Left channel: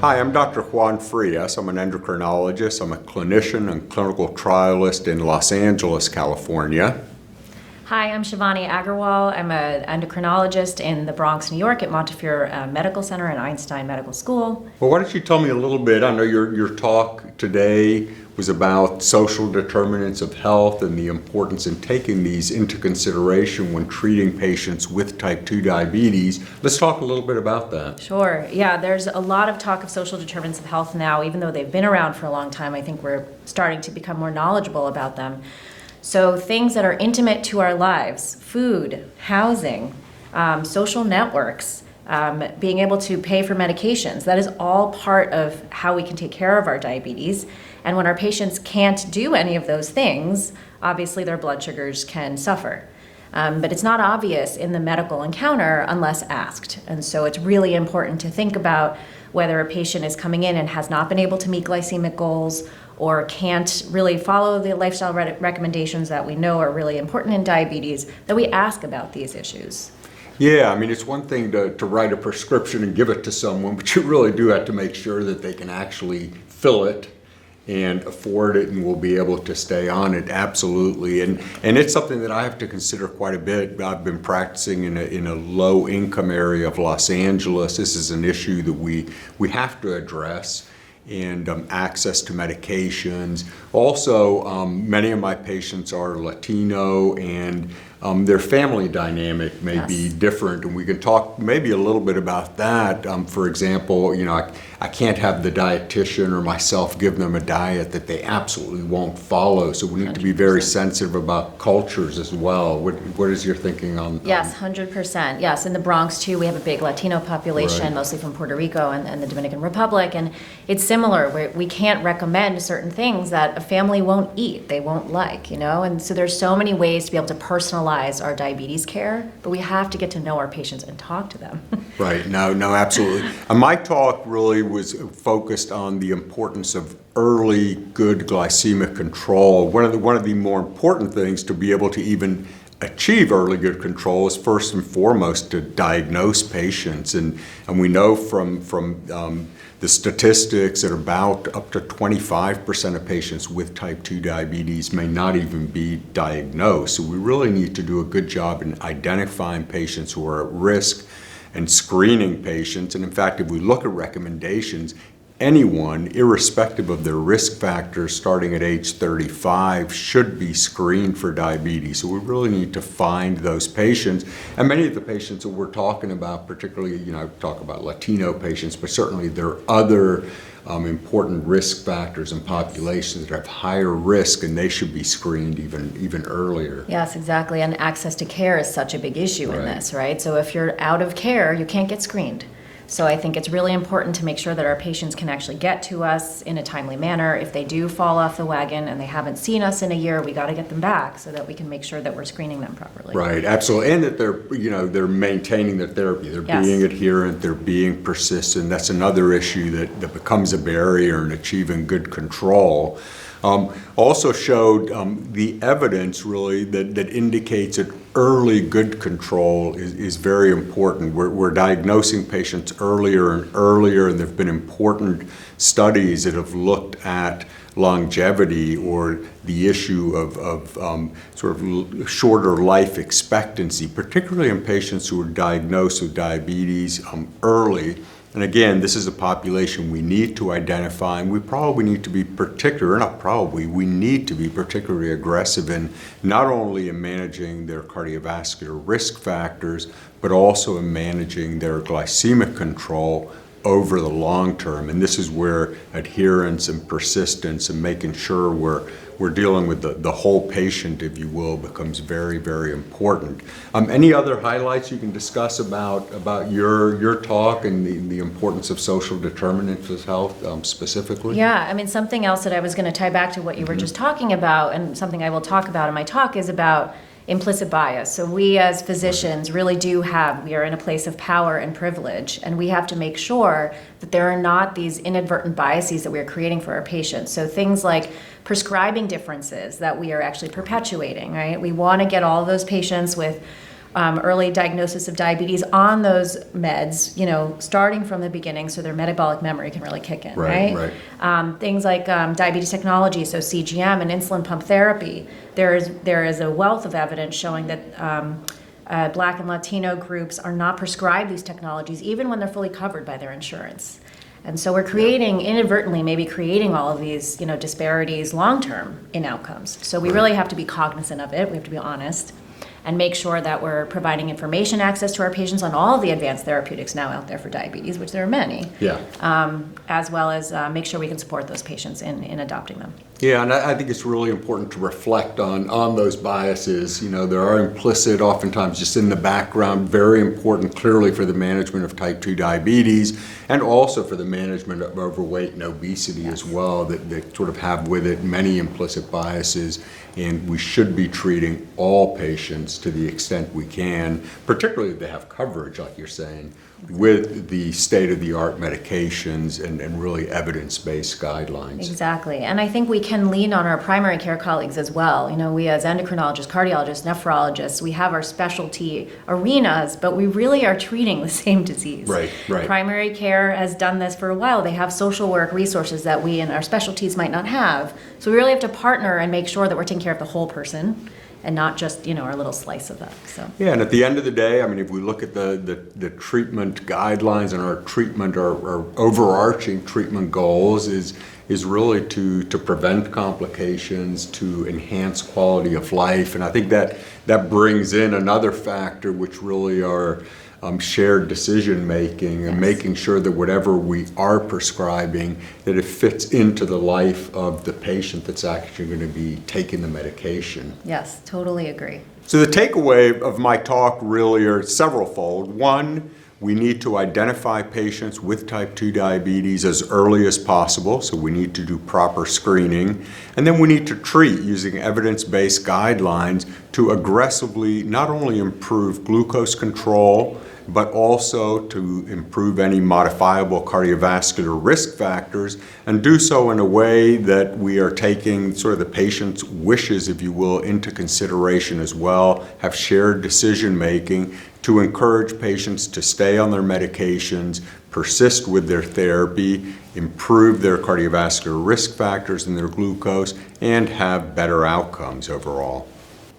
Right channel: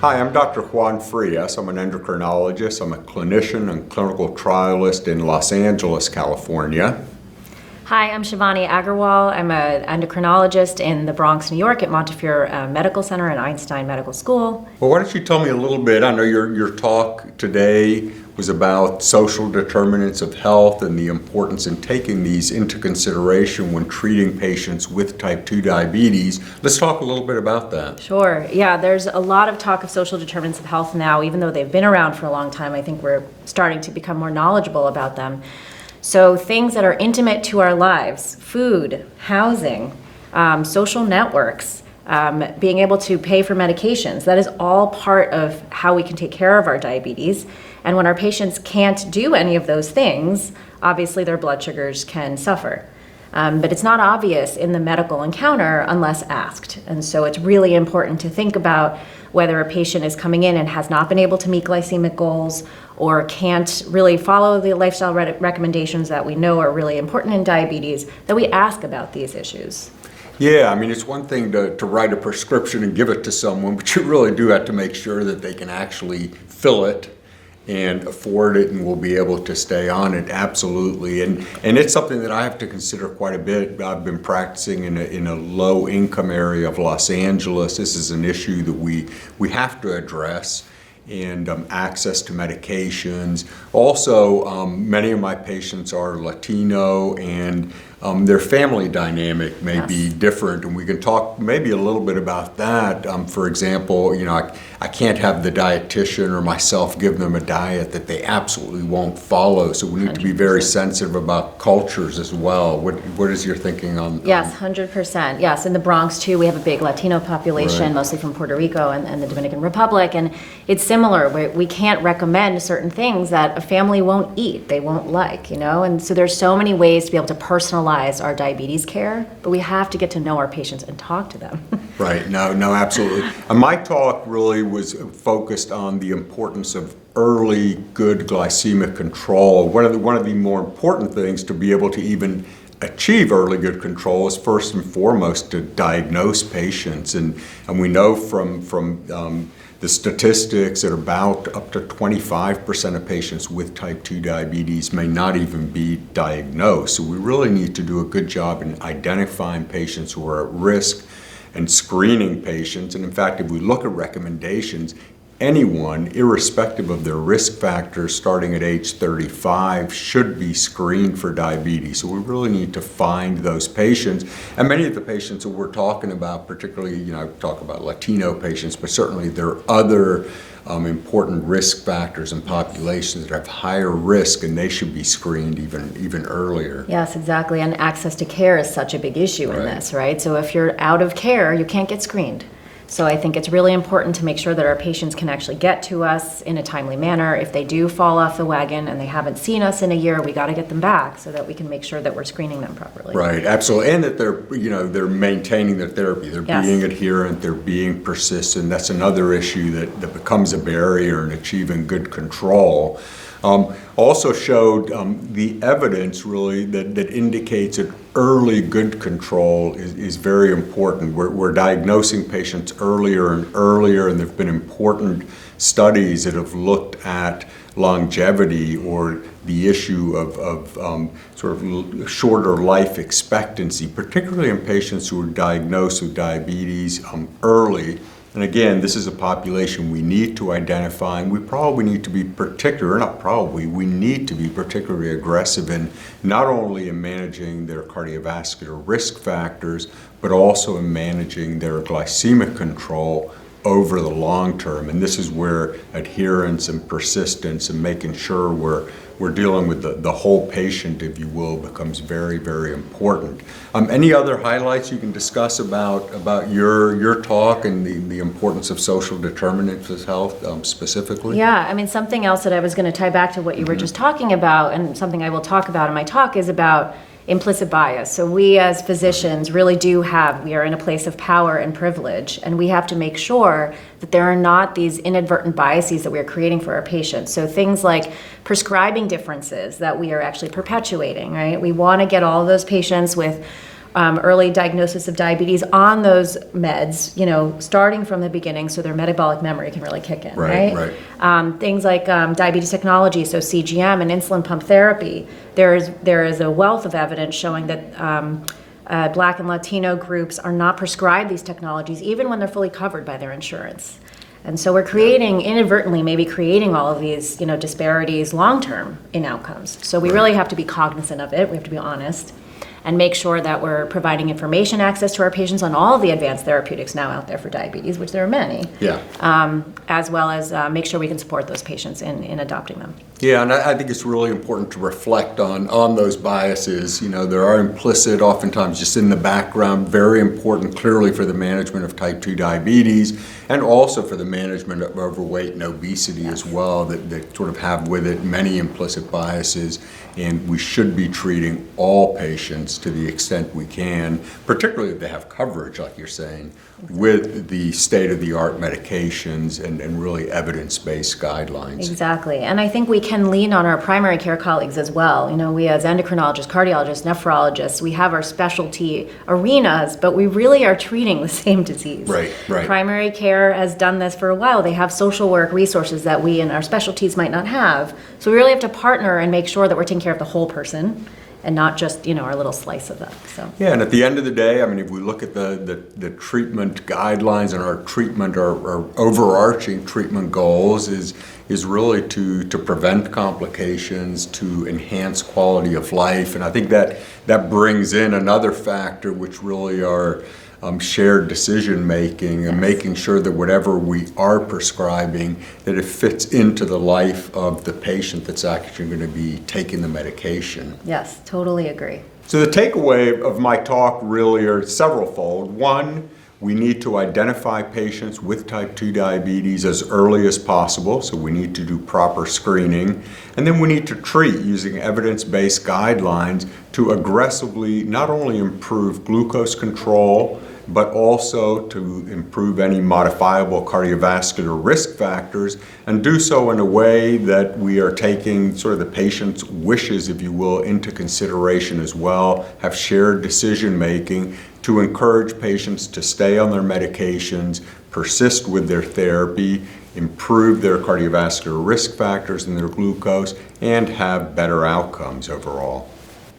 Hi, I'm Dr. Juan Frías. I'm an endocrinologist. I'm a clinician and clinical trialist in Los Angeles, California. Hi, I'm Shivani Agarwal. I'm an endocrinologist in the Bronx, New York at Montefiore Medical Center and Einstein Medical School. Well, why don't you tell me a little bit? I know your talk today was about social determinants of health and the importance in taking these into consideration when treating patients with type 2 diabetes. Let's talk a little bit about that. Sure. Yeah, there's a lot of talk of social determinants of health now, even though they've been around for a long time. I think we're starting to become more knowledgeable about them. So things that are intimate to our lives, food, housing, social networks, being able to pay for medications, that is all part of how we can take care of our diabetes. And when our patients can't do any of those things, obviously their blood sugars can suffer. But it's not obvious in the medical encounter unless asked. And so it's really important to think about whether a patient is coming in and has not been able to meet glycemic goals or can't really follow the lifestyle recommendations that we know are really important in diabetes, that we ask about these issues. Yeah, I mean, it's one thing to write a prescription and give it to someone, but you really do have to make sure that they can actually fill it and afford it and will be able to stay on it, absolutely. And it's something that I have to consider quite a bit. I've been practicing in a low income area of Los Angeles. This is an issue that we have to address. And access to medications. Also, many of my patients are Latino, and their family dynamic may be different, and we can talk maybe a little bit about that. For example, I can't have the dietitian or myself give them a diet that they absolutely won't follow, so we need to be very sensitive about cultures as well. What is your thinking on? Yes, 100%. Yes, in the Bronx too, we have a big Latino population, Right. Mostly from Puerto Rico and the Dominican Republic, and it's similar. We can't recommend certain things that a family won't eat, they won't like, and so there's so many ways to be able to personalize our diabetes care, but we have to get to know our patients and talk to them. Right, no, absolutely. My talk really was focused on the importance of early good glycemic control. One of the more important things to be able to even achieve early good control is first and foremost to diagnose patients, and we know from the statistics that about up to 25% of patients with type 2 diabetes may not even be diagnosed. So we really need to do a good job in identifying patients who are at risk and screening patients. And in fact, if we look at recommendations, anyone, irrespective of their risk factors, starting at age 35, should be screened for diabetes. So we really need to find those patients. And many of the patients that we're talking about, particularly, I talk about Latino patients, but certainly there are other important risk factors and populations that have higher risk, and they should be screened even earlier. Yes, exactly. And access to care is such a big issue in this, right? So if you're out of care, you can't get screened. So I think it's really important to make sure that our patients can actually get to us in a timely manner. If they do fall off the wagon and they haven't seen us in a year, we got to get them back so that we can make sure that we're screening them properly. Right, absolutely, and that they're maintaining their therapy. They're being adherent. They're being persistent. That's another issue that becomes a barrier in achieving good control. Also showed the evidence really that indicates that early good control is very important. We're diagnosing patients earlier and earlier, and there have been important studies that have looked at longevity or the issue of sort of shorter life expectancy, particularly in patients who are diagnosed with diabetes early. And again, this is a population we need to identify, and we probably need to be we need to be particularly aggressive in not only in managing their cardiovascular risk factors, but also in managing their glycemic control over the long term. And this is where adherence and persistence and making sure we're dealing with the whole patient, if you will, becomes very, very important. Any other highlights you can discuss about your talk and the importance of social determinants of health specifically? Yeah, I mean, something else that I was going to tie back to what you were just talking about, and something I will talk about in my talk, is about implicit bias. So we as physicians really we are in a place of power and privilege, and we have to make sure that there are not these inadvertent biases that we are creating for our patients. So things like prescribing differences that we are actually perpetuating, right? We want to get all of those patients with early diagnosis of diabetes on those meds, starting from the beginning so their metabolic memory can really kick in, right? Things like diabetes technology, so CGM and insulin pump therapy. There is a wealth of evidence showing that Black and Latino groups are not prescribed these technologies even when they're fully covered by their insurance. And so we're inadvertently maybe creating all of these, disparities long-term in outcomes. So we really have to be cognizant of it. We have to be honest and make sure that we're providing information access to our patients on all the advanced therapeutics now out there for diabetes, which there are many, as well as make sure we can support those patients in adopting them. Yeah, and I think it's really important to reflect on those biases. There are implicit, oftentimes just in the background, very important clearly for the management of type 2 diabetes and also for the management of overweight and obesity as well, that sort of have with it many implicit biases. And we should be treating all patients to the extent we can, particularly if they have coverage, like you're saying, with the state-of-the-art medications and really evidence-based guidelines. Exactly. And I think we can lean on our primary care colleagues as well. We as endocrinologists, cardiologists, nephrologists, we have our specialty arenas, but we really are treating the same disease. Right. Primary care has done this for a while. They have social work resources that we in our specialties might not have. So we really have to partner and make sure that we're taking care of the whole person and not just, our little slice of that. So. Yeah, and at the end of the day, if we look at the treatment guidelines and our overarching treatment goals is really to prevent complications, to enhance quality of life. And I think that brings in another factor, which really are shared decision making and making sure that whatever we are prescribing, that it fits into the life of the patient that's actually going to be taking the medication. Yes, totally agree. So the takeaway of my talk really are severalfold. One, we need to identify patients with type 2 diabetes as early as possible, so we need to do proper screening. And then we need to treat using evidence-based guidelines to aggressively not only improve glucose control, but also to improve any modifiable cardiovascular risk factors, and do so in a way that we are taking sort of the patient's wishes, if you will, into consideration as well, have shared decision making to encourage patients to stay on their medications, persist with their therapy, improve their cardiovascular risk factors and their glucose, and have better outcomes overall.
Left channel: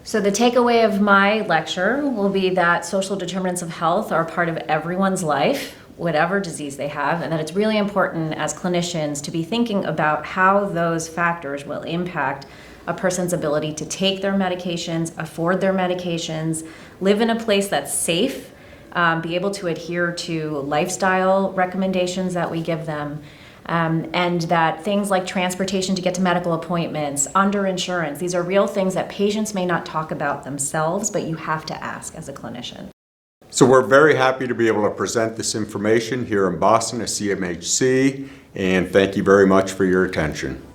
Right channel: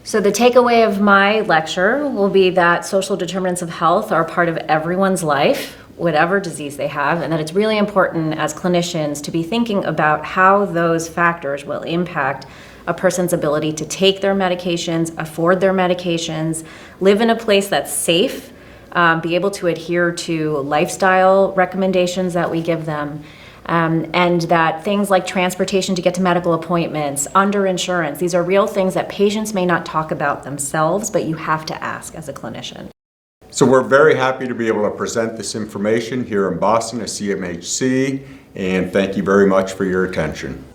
So the takeaway of my lecture will be that social determinants of health are part of everyone's life, whatever disease they have, and that it's really important as clinicians to be thinking about how those factors will impact a person's ability to take their medications, afford their medications, live in a place that's safe, be able to adhere to lifestyle recommendations that we give them, and that things like transportation to get to medical appointments, underinsurance, these are real things that patients may not talk about themselves, but you have to ask as a clinician. So we're very happy to be able to present this information here in Boston at CMHC, and thank you very much for your attention.